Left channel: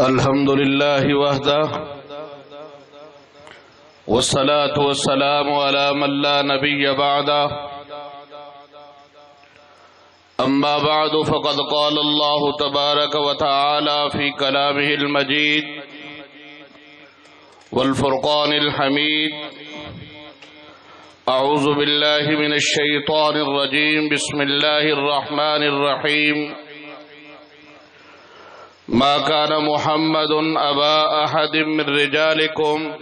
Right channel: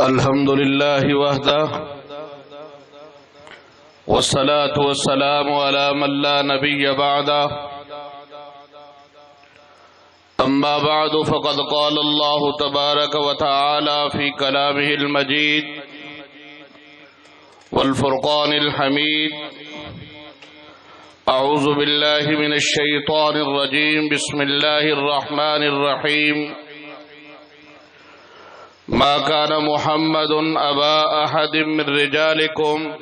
الحمد لله وحده والصلاة والسلام على من لا نبي بعده أما بعد فقد قال الله تبارك وتعالى في كلامه المجيد والفرقان الحميد أعوذ بالله من الشيطان الرجيم بسم الله الرحمن الرحيم ما كان محمد أبا أحد من رجالكم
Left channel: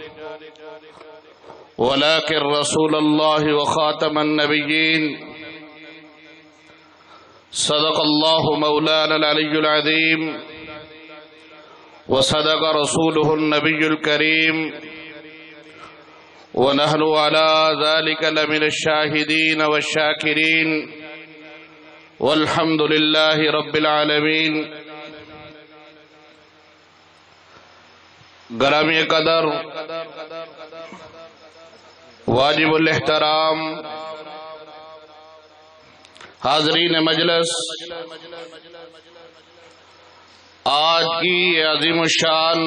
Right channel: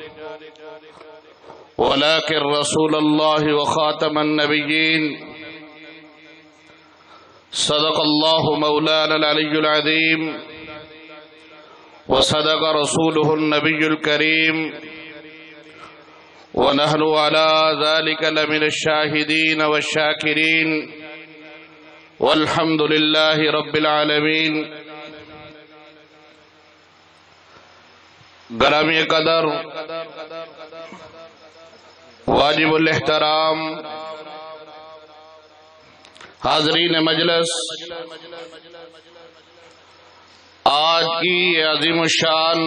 ولكن رسول الله وخاتم النبيين صدق الله مولانا العلي العظيم وصدق رسوله النبي الكريم ونحن على ذلك لمن الشاهدين والشاكرين والحمد لله رب العالمين. گرامی قدر واجب الاحترام حاضرین مجلس، آج کی عظیم الشان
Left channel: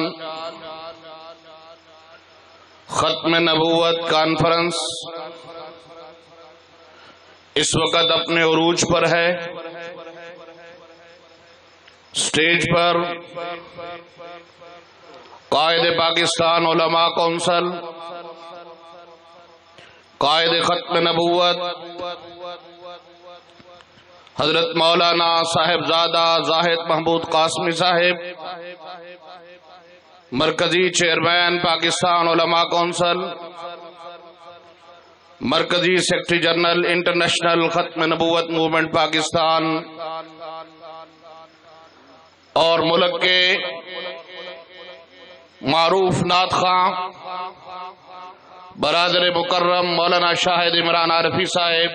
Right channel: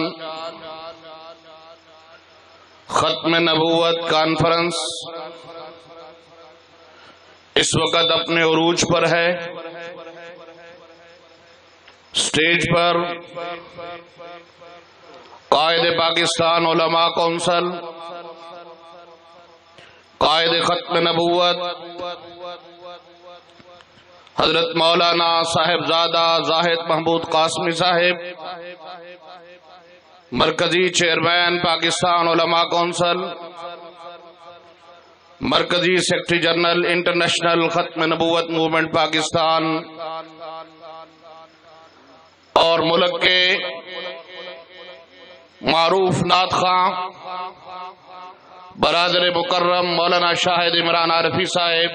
ختم نبوت کانفرنس اس وقت اپنے عروج پر ہے. سٹیج پر قائد پاکستان علماء کونسل، قائد ختم نبوت حضرت مولانا صاحبزادہ زاہد محمود قاسمی صاحب، مرکزی چیئرمین پاکستان علماء کونسل، مرکزی سیکرٹری جنرل انٹرنیشنل ختم نبوت موومنٹ پاکستان، اور ملک کے معروف نعت خواں برادر مکرم مولانا شاہد عمران عارفی صاحب،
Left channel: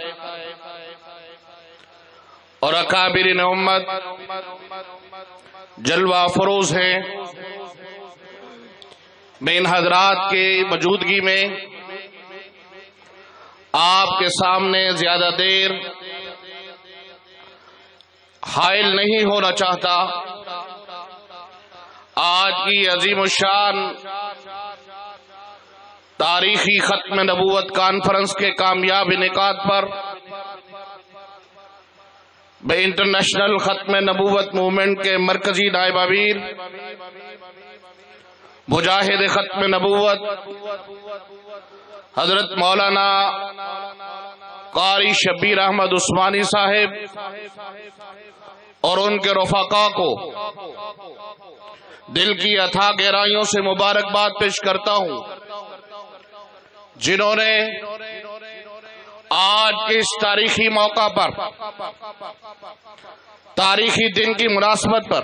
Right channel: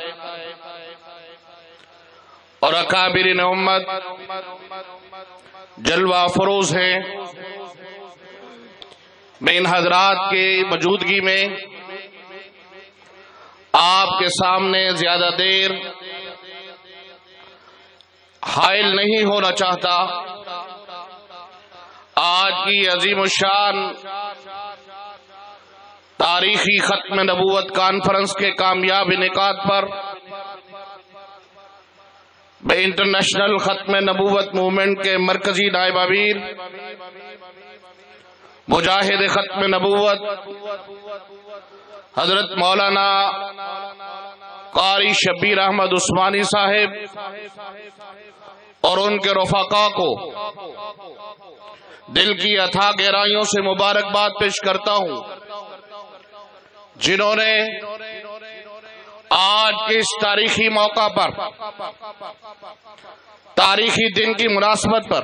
اور اکابرین امت جلوہ فروز ہیں. میں ان حضرات کے موجودگی میں آپ کے سامنے زیادہ دیر حائل نہیں ہونا چاہتا. آج کی عظیم الشان تاریخی ختم نبوت کانفرنس کے کامیاب انعقاد پر میں انٹرنیشنل ختم نبوت موومنٹ کے مرکزی نائب امیر مجاہد ختم نبوت حضرت مولانا قاری شبیر احمد عثمانی صاحب اور ان کے رفقاء کو دل کی اتھا گہرائیوں سے مبارکباد پیش کرتا ہوں، جنہوں نے آج کے اس تاریخی موقع پر، تاریخی دن کی مناسبت پر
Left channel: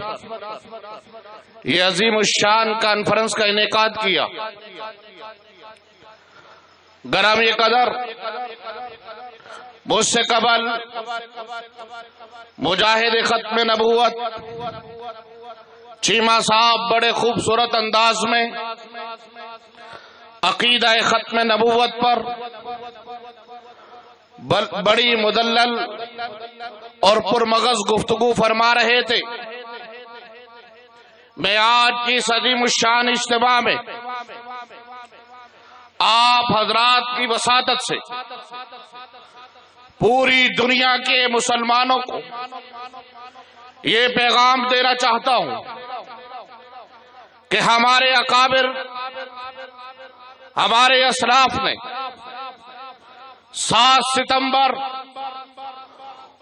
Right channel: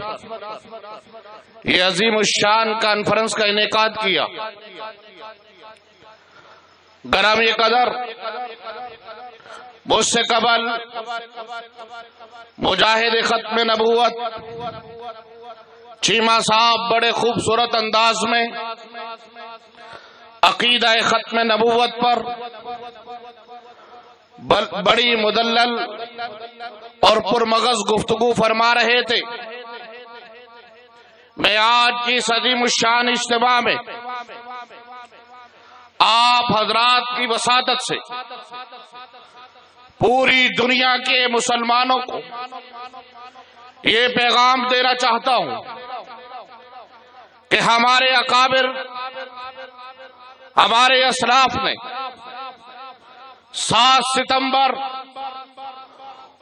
یہ عظیم الشان کانفرنس کا انعقاد کیا. گرامی قدر، مجھ سے قبل مجاہد ختم نبوت چیمہ صاحب بڑے خوبصورت انداز میں عقیدہ ختم نبوت پر بڑی مدلل اور پرمغز گفتگو فرما رہے تھے. میں آج کی اس عظیم الشان اجتماع میں آپ حضرات کی وساطت سے پوری دنیا کے مسلمانوں کو یہ پیغام دینا چاہتا ہوں کہ ہمارے اکابر، ہمارے اسلاف نے 7 ستمبر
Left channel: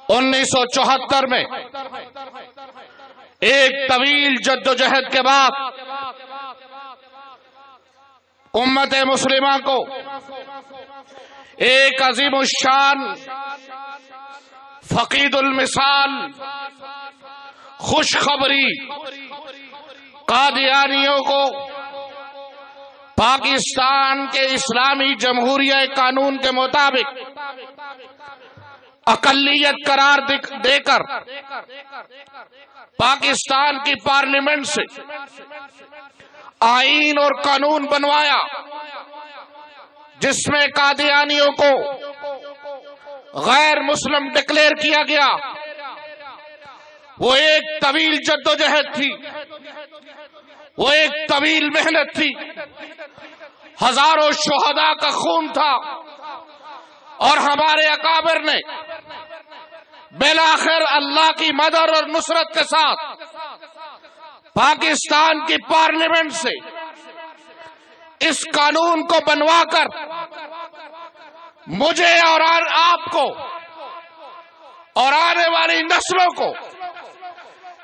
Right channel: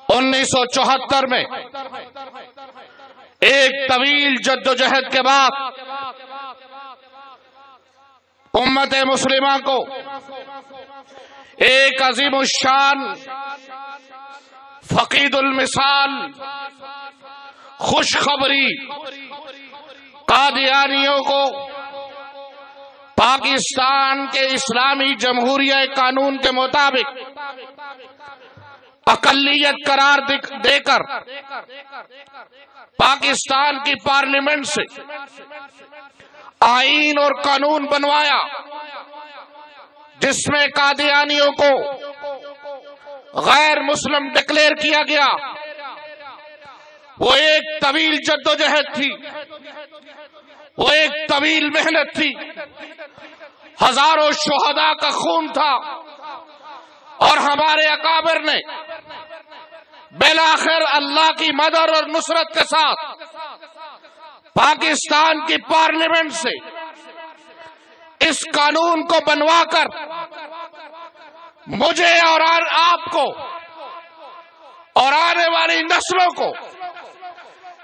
1974 میں ایک طویل جدوجہد کے بعد امت مسلمہ کو ایک عظیم الشان فقید المثال خوشخبری قادیانیوں کو پاکستان کے اسلامی جمہوریہ قانون کے مطابق اقلیت قرار دے کر پاکستان کی پارلیمنٹ سے آئین اور قانون بنوایا، جس میں قادیانیوں کو غیر مسلم ڈکلیئر کیا گیا. وہ ایک طویل جدوجہد تھی، وہ ایک طویل محنت تھی، ہزاروں شہداء کا خون تھا، اور ہمارے اکابر نے بالآخر اللہ کی مدد اور نصرت کے ساتھ پاکستان کی پارلیمنٹ سے اس قانون کو بنوا کر مجھے اور آپ کو اور آنے والی نسلوں کو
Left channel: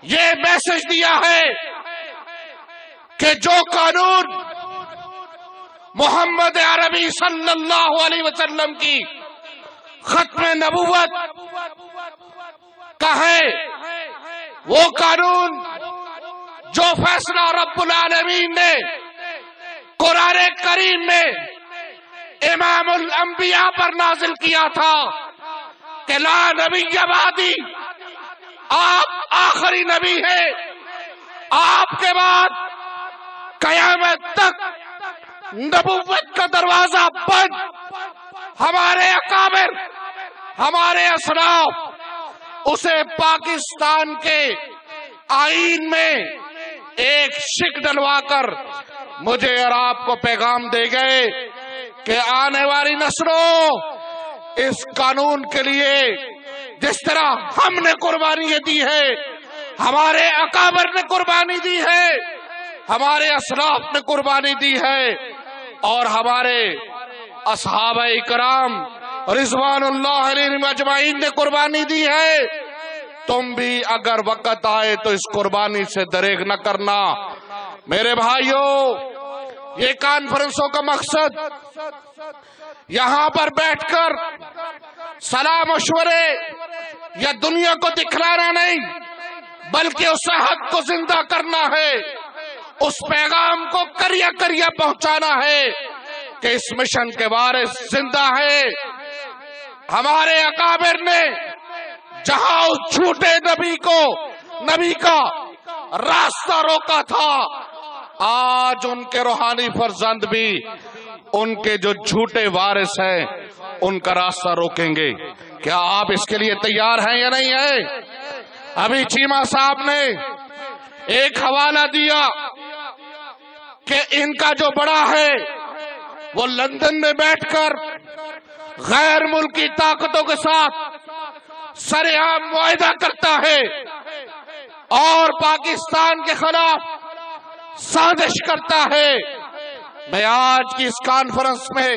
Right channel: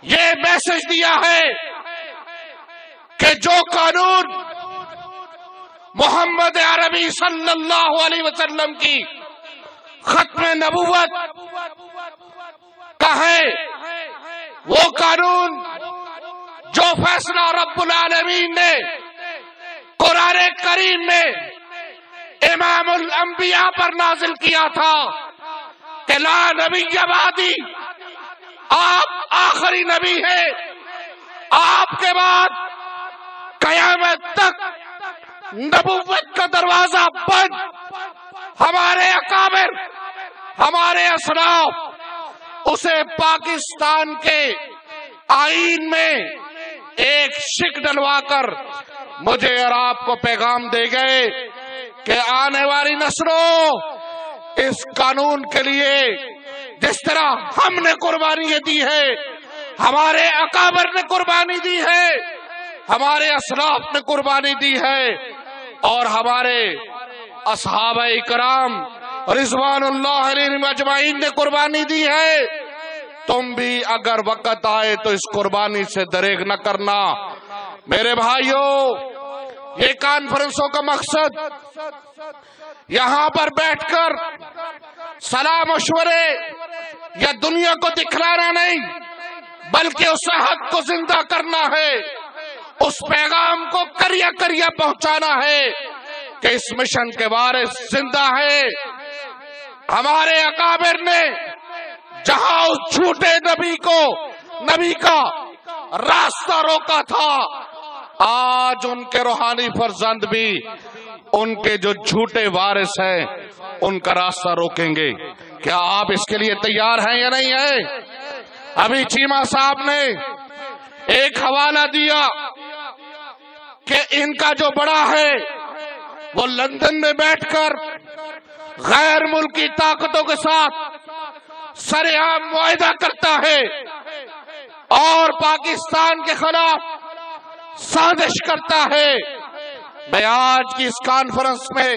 یہ میسج دیا ہے کہ جو قانون محمد عربی صلی اللہ علیہ وسلم کی ختم نبوت کا ہے، وہ قانون جو فیصلہ رب العالمین نے قرآن کریم میں امام الانبیاء پر نازل کیا تھا کہ لا نبی بعدی، آپ آخری نبی ہیں، آپ کے بعد قیامت تک نبوت کا دروازہ بند۔ ہمارے اکابر، ہمارے اسلاف اسے پاکستان کے آئین میں ایک شک ڈلوا کر مجھے اور آپ کو پیغام دے گئے کہ آنے والی نسلوں اس قانون کے لیے جس طرح ہم نے قربانی دی ہے، ہمارے اکابر نے قربانی دی ہے، ہمارے اسلاف نے قربانی دی ہے، اور ہمارے اصحابہ کرام رضوان اللہ علیہم اجمعین نے قربانی دی ہے، تم بھی اگر وقت آئے تو اس قربانی سے دریغ نہ کرنا۔ میرے بھائیوں، یہ کانفرنسوں کا مقصد یہاں پر بیٹھ کر صلاح مشورے یا دنیا کو دکھلانا نہیں، بلکہ اس حق کو زندہ کرنا ہے، اس پیغام کو کریا کریا پہنچانا ہے کہ اس مشن کے وارث زندہ ہے۔ ہمارے اکابر نے جہاں اس جھوٹے نبی کا راستہ روکا تھا، آج ان کے روحانی فرزند بھی ان کے جو جھوٹے وارث ہیں ان کا راستہ روکیں گے۔ کیا آپ اس کے لیے تیار ہیں یا نہیں ہیں؟ ابھی چیمہ صاحب نے ایک حوالہ دیا کہ ان کا جو بڑا ہے وہ لندن میں بیٹھ کر غیر ملکی طاقتوں کے ساتھ سرعام معاہدہ کرتا ہے اور پاکستان کے خلاف سازش کرتا ہے۔ میں آج کی اس کانفرنس میں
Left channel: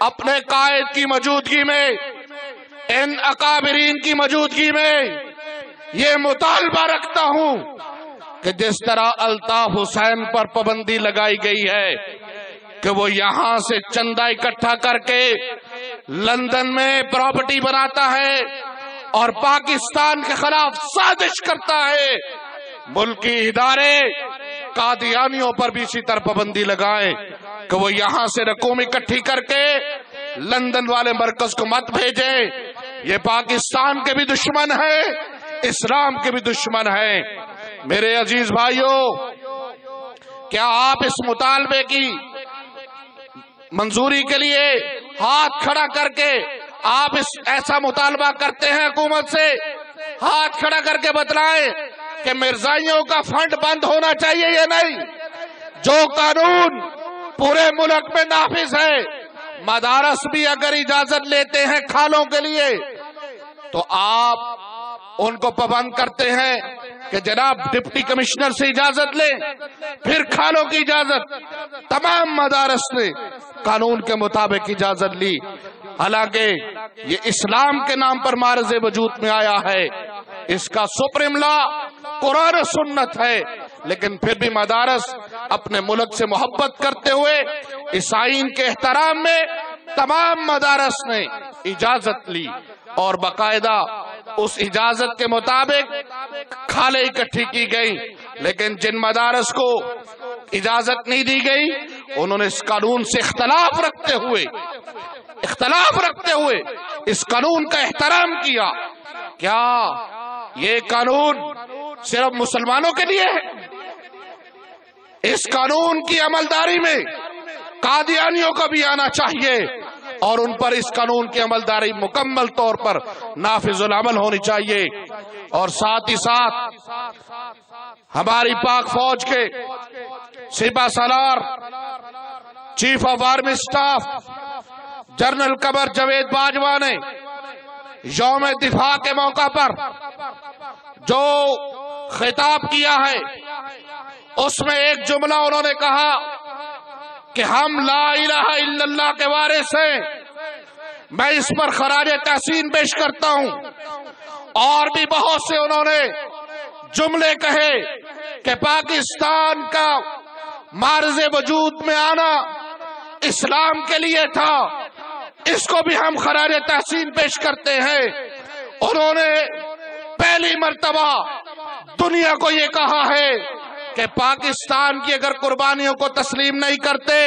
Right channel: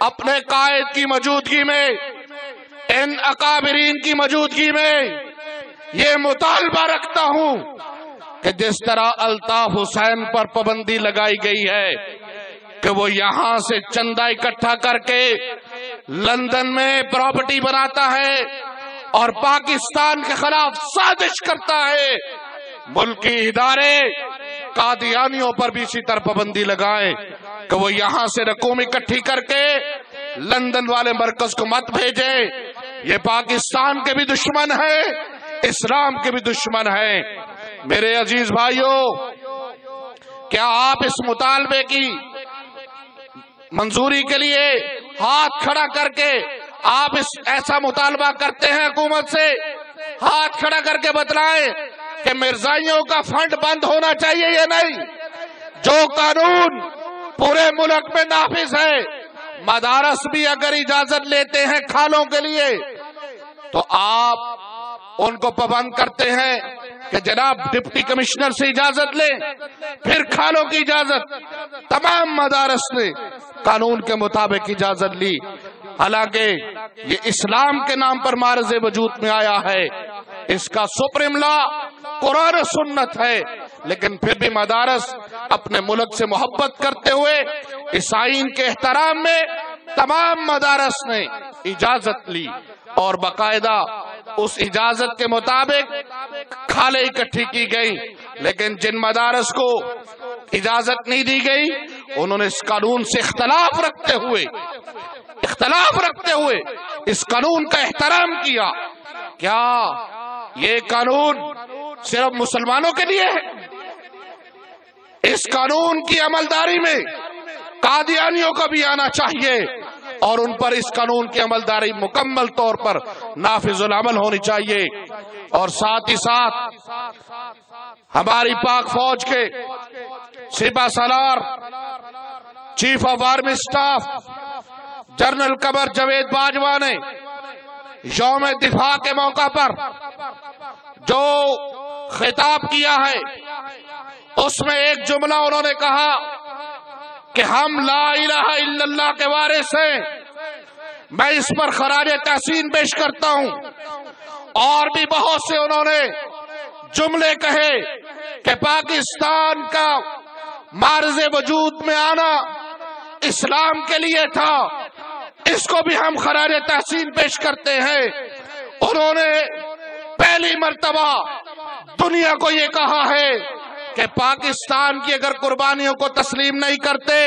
اپنے قائد کی موجودگی میں، ان اکابرین کی موجودگی میں یہ مطالبہ رکھتا ہوں کہ جس طرح الطاف حسین پر پابندی لگائی گئی ہے کہ وہ یہاں سے چندہ اکٹھا کر کے لندن میں پراپرٹی بناتا ہے اور پاکستان کے خلاف سازش کرتا ہے، ملکی ادارے قادیانیوں پر بھی اسی طرح پابندی لگائیں کہ وہ یہاں سے رقوم اکٹھی کر کے لندن والے مرکز کو مت بھیجیں۔ یہ پاکستان کے بھی دشمن ہیں، اسلام کے بھی دشمن ہیں۔ میرے عزیز بھائیوں، کیا آپ اس مطالبے کی منظوری کے لیے ہاتھ کھڑا کر کے آپ ایسا مطالبہ کرتے ہیں؟ حکومت سے ہاتھ کھڑا کر کے بتلائیں کہ مرزائیوں کا فنڈ بند ہونا چاہیے یا نہیں؟ جو قانون پورے ملک میں نافذ ہے، مدارس بھی اگر اجازت لیتے ہیں کھالوں کے لیے تو آپ ان کو پابند کرتے ہیں کہ جناب ڈپٹی کمشنر سے اجازت لیں، پھر کھالوں کی اجازت۔ تمام مدارس نے قانون کے مطابق اجازت لی، حالانکہ یہ اسلام کے نام پر معرض وجود میں آیا ہے، اس کا سپریم لا قرآن و سنت ہے، لیکن پھر بھی مدارس اپنے ملک سے محبت کرتے ہوئے اس آئین کے احترام میں تمام مدارس نے اجازت لی اور باقاعدہ اس اجازت کے مطابق کھالیں اکٹھی کی گئی۔ لیکن جن مدارس کو اجازت نہیں دی گئی انہوں نے اس قانون سے اختلاف رکھتے ہوئے اس قانون کا احترام کیا۔ کیا یہ قانون صرف مسلمانوں کے لیے ہے؟ اس قانون کی عملداری میں قادیانیوں کو بھی آنا چاہیے اور ان پر اس قانون کی عملداری مکمل طور پر نافذ العمل ہونی چاہیے۔ اور ساتھ ہی ساتھ ہماری پاک فوج کے سپہ سالار chief of army staff general Qamar Javed Bajwa نے یوم دفاع کے موقع پر جو خطاب کیا ہے اس میں ایک جملہ انہوں نے کہا کہ ہم لا الہ الا اللہ کے وارث ہیں. میں اس پر خراج تحسین پیش کرتا ہوں. اور بھی بہت سے انہوں نے جملے کہے کہ پاکستان کا معرض وجود میں آنا اسلام کے لیے تھا، اس کو بھی ہم خراج تحسین پیش کرتے ہیں. انہوں نے پہلی مرتبہ دنیا کو یہ کہا ہے کہ پاکستان کی اگر قربانیوں کو تسلیم نہیں کرتے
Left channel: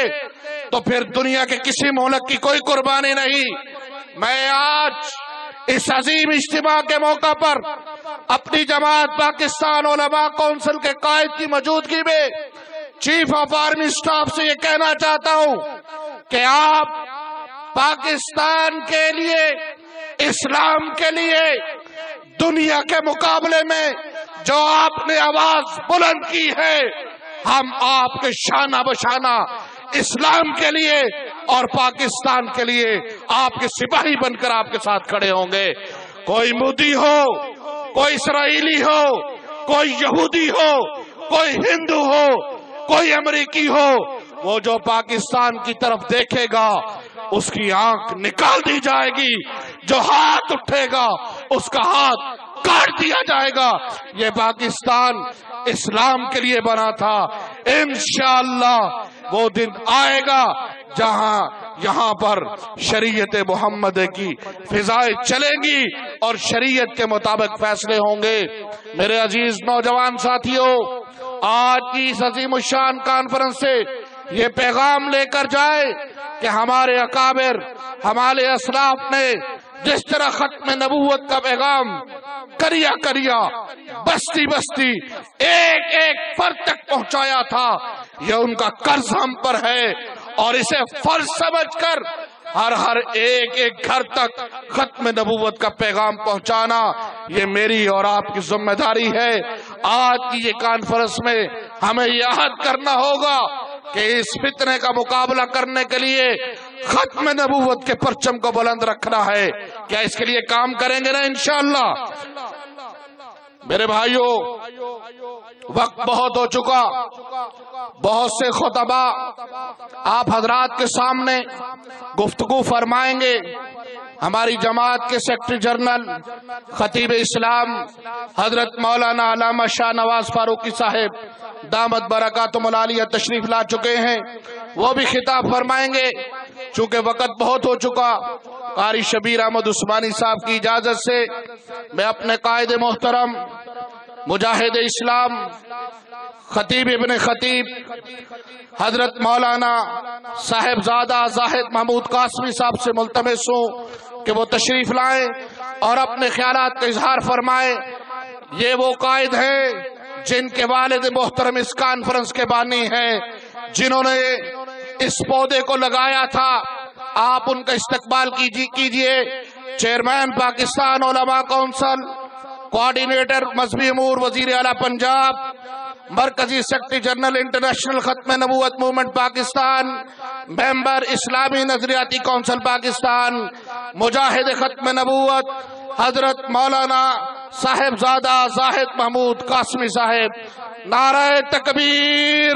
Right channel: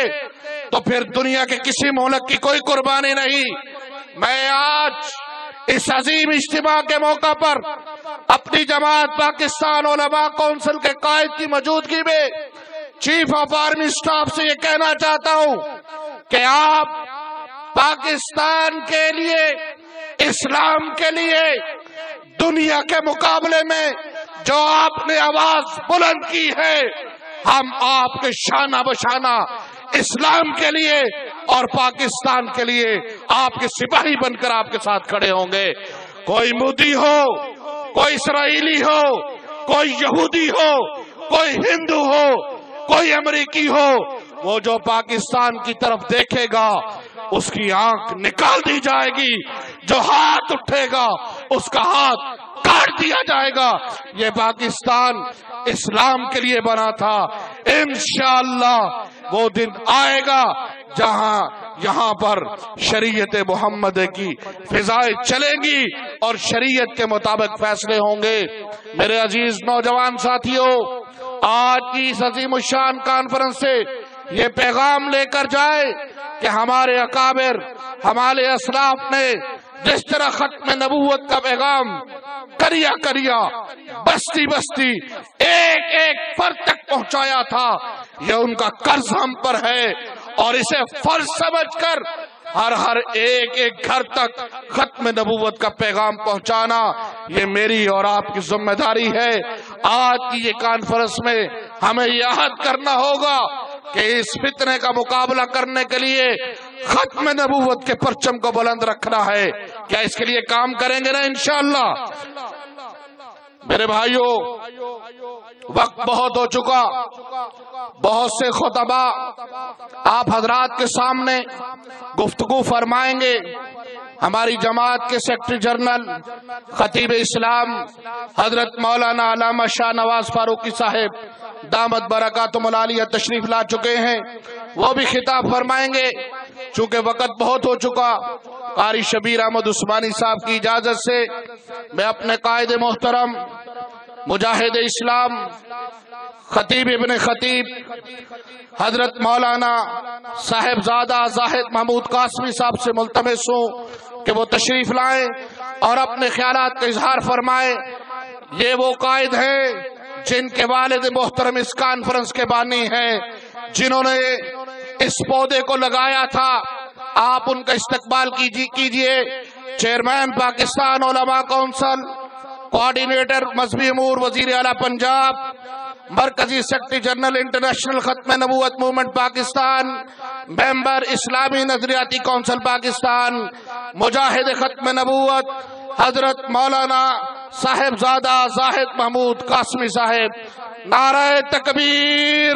تو پھر دنیا کے کسی ملک کی کوئی قربانی نہیں. میں آج اس عظیم اجتماع کے موقع پر اپنی جماعت پاکستان علماء کونسل کے قائد کی موجودگی میں چیف آف آرمی سٹاف سے یہ کہنا چاہتا ہوں کہ آپ پاکستان کے لیے، اسلام کے لیے دنیا کے مقابلے میں جو آپ نے آواز بلند کی ہے، ہم آپ کے شانہ بشانہ اسلام کے لیے اور پاکستان کے لیے آپ کے سپاہی بن کر آپ کے ساتھ کھڑے ہوں گے. کوئی مودی ہو، کوئی اسرائیلی ہو، کوئی یہودی ہو، کوئی ہندو ہو، کوئی امریکی ہو، وہ جو پاکستان کی طرف دیکھے گا اس کی آنکھ نکال دی جائے گی. جو ہاتھ اٹھے گا اس کا ہاتھ کاٹ دیا جائے گا. یہ پاکستان اسلام کے لیے بنا تھا. انشاءاللہ وہ دن آئے گا جہاں یہاں پر شریعت محمد کی فضائیں چلیں گی اور شریعت کے مطابق فیصلے ہوں گے. میرے عزیز نوجوان ساتھیوں، آج کی اس عظیم الشان کانفرنس سے یہ پیغام لے کر جائے کہ ہمارے اکابر، ہمارے اسلاف نے جس طرح ختم نبوت کا پیغام کریا کریا، بستی بستی، ایک ایک فرد تک پہنچایا تھا، یہ ان کا قرض ہم پر ہے. اور اسے فرض سمجھ کر ہر ایک ایک گھر تک ختم نبوت کا پیغام پہنچانا یہ میری اور آپ کی ذمہ داری ہے. آج کی یہ کانفرنس میں ہمیں یہ عہد کرنا ہوگا کہ اس فتنے کا مقابلہ کرنے کے لیے ختم نبوت کے پرچم کو بلند رکھنا ہے. کیا اس کے لیے کام کریں گے نا انشاءاللہ؟ میرے بھائیوں، وقت بہت ہو چکا. بہت سے خطبہ آپ حضرات کے سامنے گفتگو فرمائیں گے. ہماری جماعت کے سیکرٹری جنرل خطیب اسلام حضرت مولانا علامہ شاہ نواز فاروقی صاحب دامت برکاتہم العالیہ تشریف لا چکے ہیں، وہ بھی خطاب فرمائیں گے. چونکہ وقت بہت ہو چکا، قاری شبیر احمد عثمانی صاحب کی اجازت سے میں اپنے قائد محترم مجاہد اسلام خطیب ابن خطیب حضرت مولانا صاحبزادہ زاہد محمود قاسمی صاحب سے ملتمس ہوں کہ وہ تشریف لائیں اور اپنے خیالات کا اظہار فرمائیں. یہ وہ قائد ہیں جن کے والد محترم اس کانفرنس کے بانی ہیں، جنہوں نے اس پودے کو لگایا تھا. آپ ان کا استقبال کیجئے. چیئرمین پاکستان علماء کونسل، کوارڈینیٹر مذہبی امور وزیر اعلیٰ پنجاب، مرکزی سیکرٹری جنرل انٹرنیشنل ختم نبوت موومنٹ پاکستان، ممبر اسلامی نظریاتی کونسل پاکستان، مجاہد ختم نبوت حضرت مولانا صاحبزادہ زاہد محمود قاسمی صاحب. نعرہ تکبیر،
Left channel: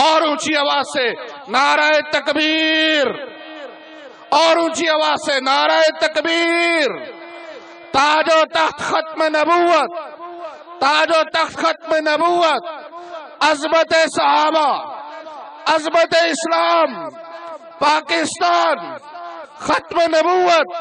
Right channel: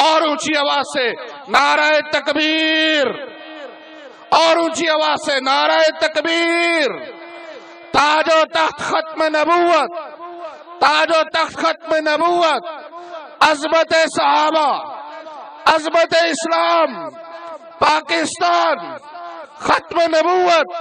اور اونچی آواز سے نعرہ تکبیر، اور اونچی آواز سے نعرہ تکبیر. تاج و تخت ختم نبوت، تاج و تخت ختم نبوت، عظمت صحابہ، عظمت اسلام، پاکستان، ختم نبوت،